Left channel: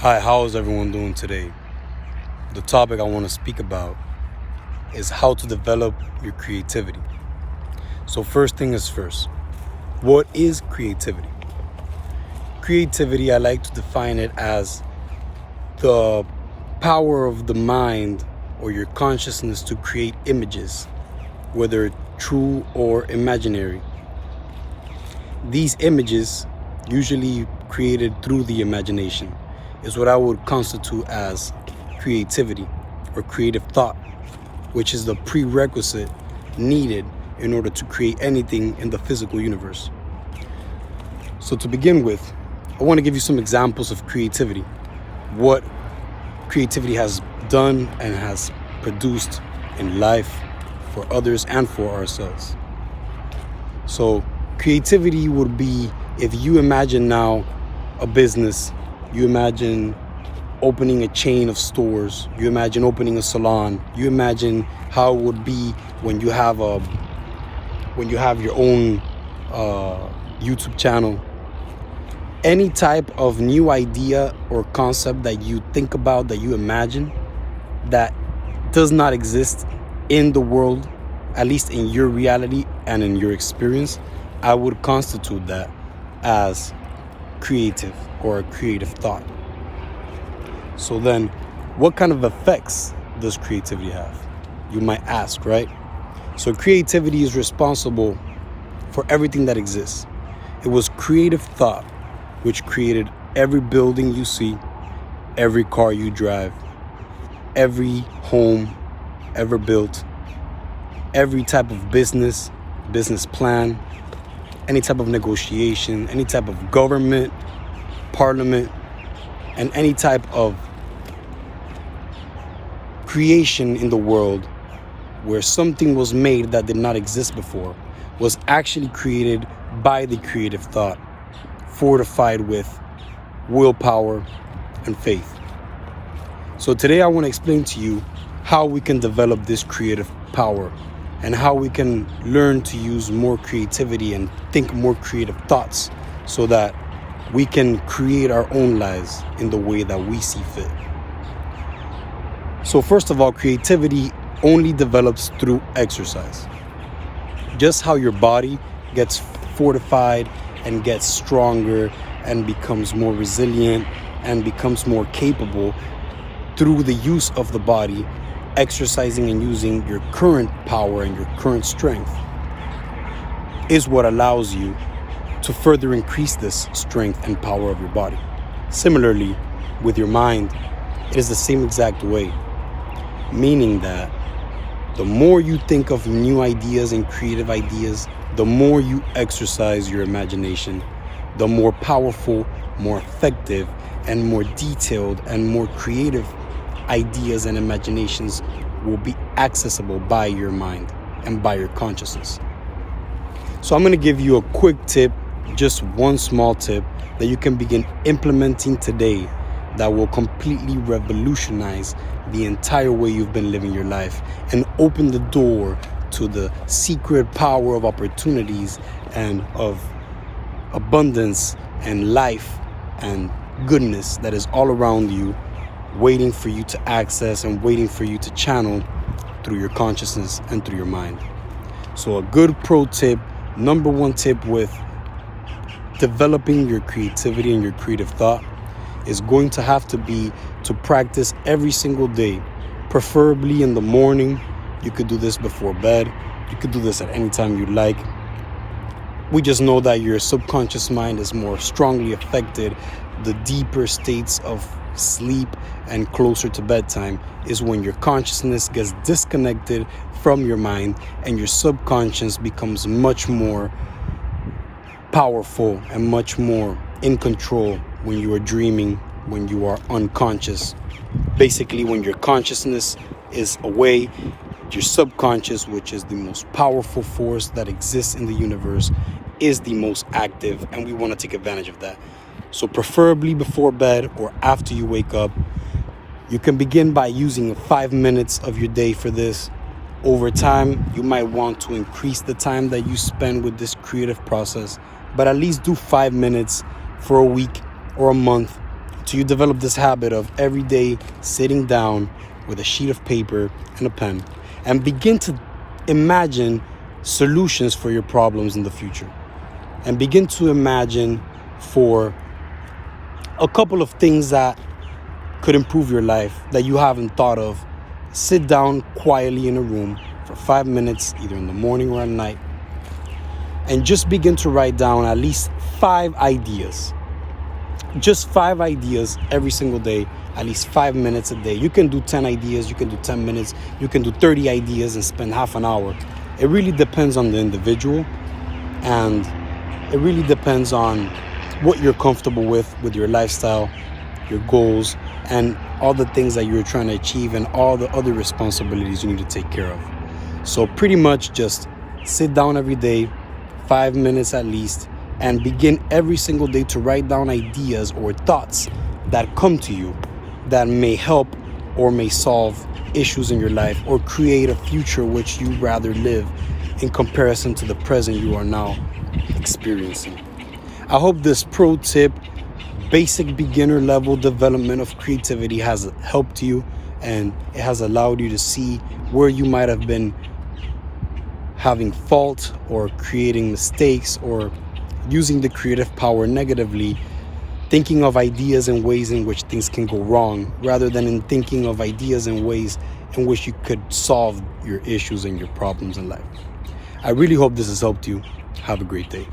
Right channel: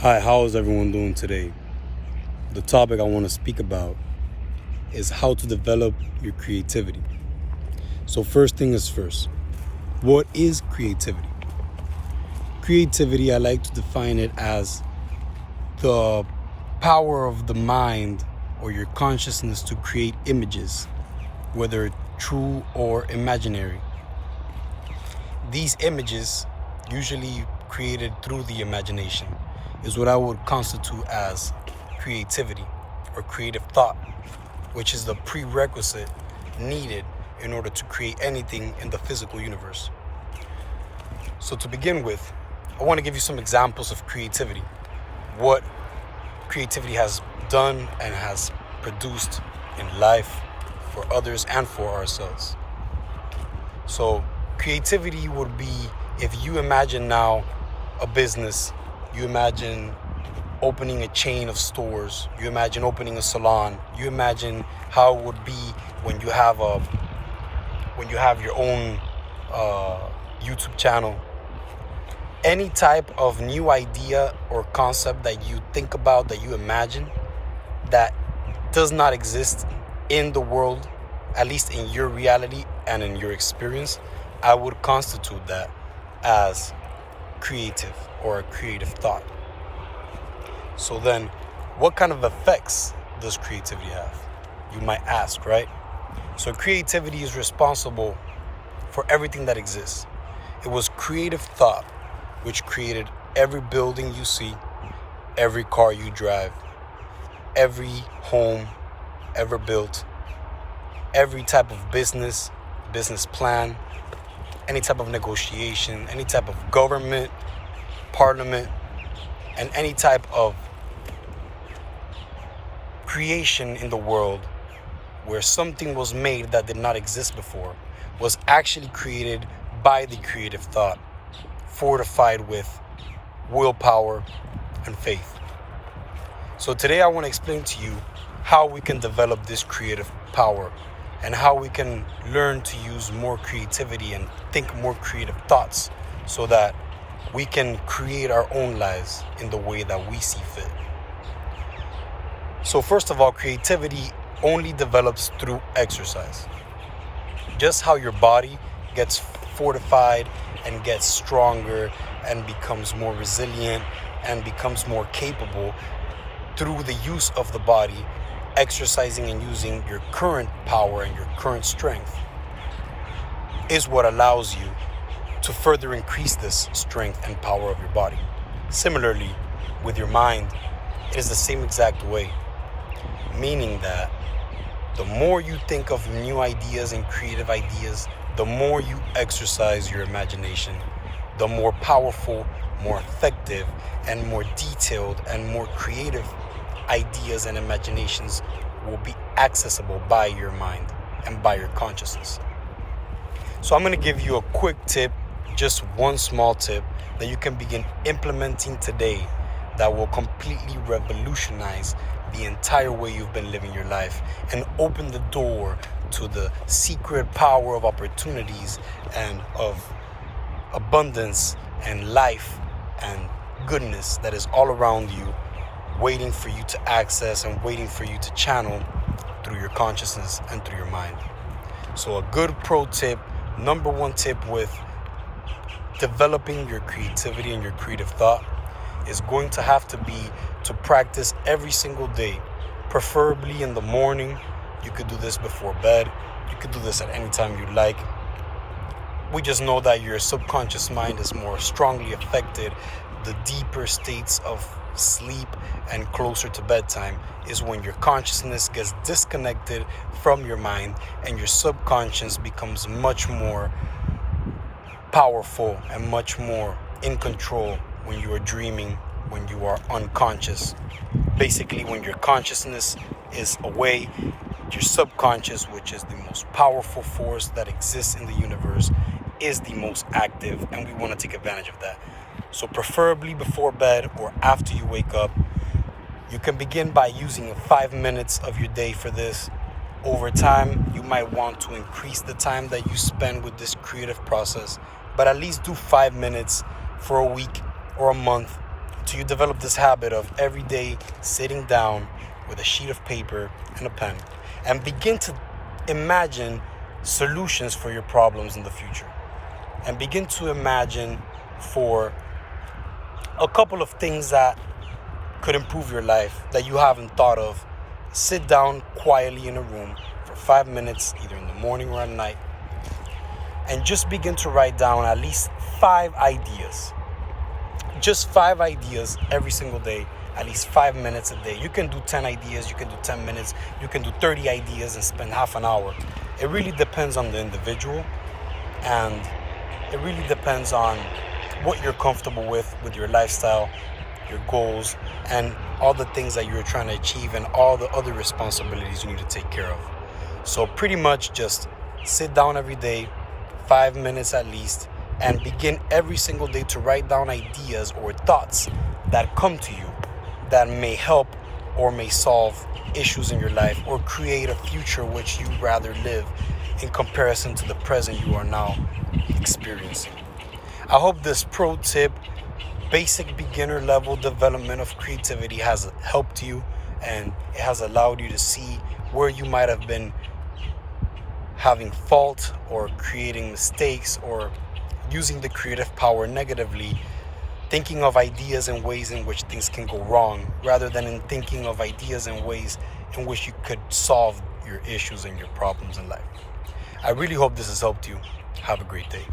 Hi, how is everyone doing today? The topic I want to speak about is how to develop your creativity. So first thing is first, what is creativity? Creativity, I like to define it as the power of the mind or your consciousness to create images, whether true or imaginary. These images, usually created through the imagination, is what I would constitute as creativity or creative thought, which is the prerequisite needed in order to create anything in the physical universe. So to begin with, I want to give you some examples of creativity, what creativity has done and has produced in life for others and for ourselves. So creativity would be, if you imagine now a business, you imagine opening a chain of stores, you imagine opening a salon, you imagine how it would be when you have your own YouTube channel. Any type of new idea or concept that you think about, that you imagine, that does not exist in the world, at least in your reality and in your experience, I would constitute that as creative or a creative thought. So then, what kind of effects does creativity have? You might ask, right? So creativity is responsible for everything that exists. It was creative thought which created every building you see, every car you drive, every home ever built, every type of business plan, any type of negotiation, any type of government, parliament, and any type of creation in the world where something was made that did not exist before was actually created by the creative thought, fortified with willpower and faith. So today I want to explain to you how we can develop this creative power and how we can learn to use more creativity and think more creative thoughts so that we can create our own lives in the way that we see fit. So first of all, creativity only develops through exercise. Just how your body gets fortified and gets stronger and becomes more resilient and becomes more capable through the use of the body, exercising and using your current power and your current strength is what allows you to further increase this strength and power of your body. Similarly, with your mind, it is the same exact way, meaning that the more you think of new ideas and creative ideas, the more you exercise your imagination, the more powerful, more effective, and more detailed and more creative ideas and imaginations will be accessible by your mind and by your consciousness. So I'm going to give you a quick tip, just one small tip that you can begin implementing today that will completely revolutionize the entire way you've been living your life and open the door to the secret power of opportunities and of abundance and life and goodness that is all around you, waiting for you to access and waiting for you to channel through your consciousness and through your mind. So a good pro tip, number one tip with developing your creativity and your creative thought is going to have to be to practice every single day, preferably in the morning. You could do this before bed. You could do this at any time you like. We just know that your subconscious mind is more strongly affected. The deeper states of sleep and closer to bedtime is when your consciousness gets disconnected from your mind and your subconscious becomes much more powerful and much more in control when you are dreaming, when you are unconscious. Basically, when your consciousness is away, your subconscious, which is the most powerful force that exists in the universe, is the most active, and we want to take advantage of that. So preferably before bed or after you wake up, you can begin by using 5 minutes of your day for this. Over time, you might want to increase the time that you spend with this creative process, but at least do 5 minutes for a week or a month till you develop this habit of every day sitting down with a sheet of paper and a pen and begin to imagine solutions for your problems in the future. And begin to imagine for a couple of things that could improve your life that you haven't thought of. Sit down quietly in a room for 5 minutes, either in the morning or at night, and just begin to write down at least 5 ideas. Just 5 ideas every single day, at least 5 minutes a day. You can do 10 ideas, you can do 10 minutes, you can do 30 ideas and spend half an hour. It really depends on the individual, and it really depends on what you're comfortable with your lifestyle, your goals, and all the things that you're trying to achieve and all the other responsibilities you need to take care of. So pretty much just sit down every day, 5 minutes at least, and begin every single day to write down ideas or thoughts that come to you that may help or may solve issues in your life or create a future which you'd rather live in comparison to the present you are now experiencing. I hope this pro tip, basic beginner level development of creativity, has helped you, and it has allowed you to see where you might have been having fault or creating mistakes or using the creative power negatively, thinking of ideas and ways in which things can go wrong rather than in thinking of ideas and ways in which you could solve your issues and your problems in life. I really hope this has helped you. Have a great day.